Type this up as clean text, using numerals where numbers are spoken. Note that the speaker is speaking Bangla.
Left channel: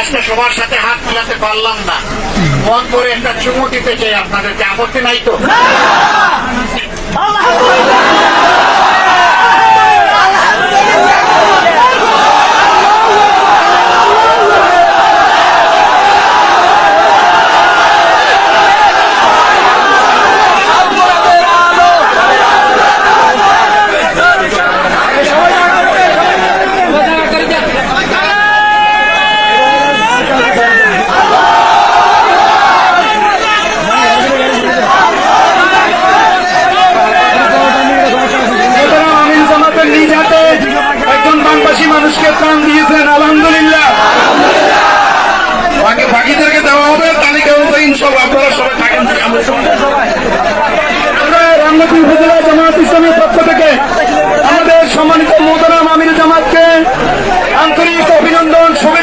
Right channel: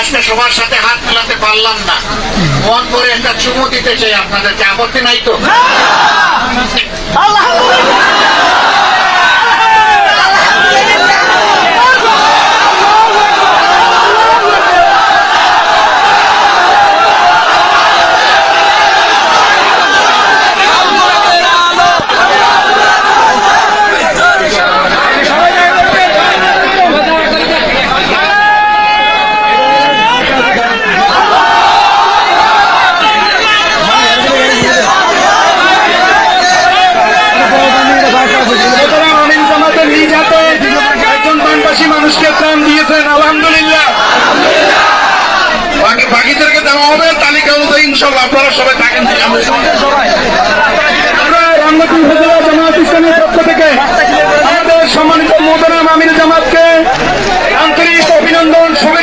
আজকে সবার সাথে হাত মেলাতে পারলাম না, মন করে একটা চুমু দিতে চাই আপনাদেরকে, আপত্তি নাই তো? মানুষকে প্রাণ দিয়েছেন, আলহামদুলিল্লাহ। বাকিদেরকে দেওয়া হবে তালিকা অনুযায়ী, ইনশাআল্লাহ আপনারা সবাই থাকেন। রামনাথ উপজেলা জামায়াত ইসলামীর পক্ষ থেকে আমাদের সম্মানিত মোহতারাম আমির জামাতকে আন্তরিক অভিনন্দন, শুভেচ্ছা।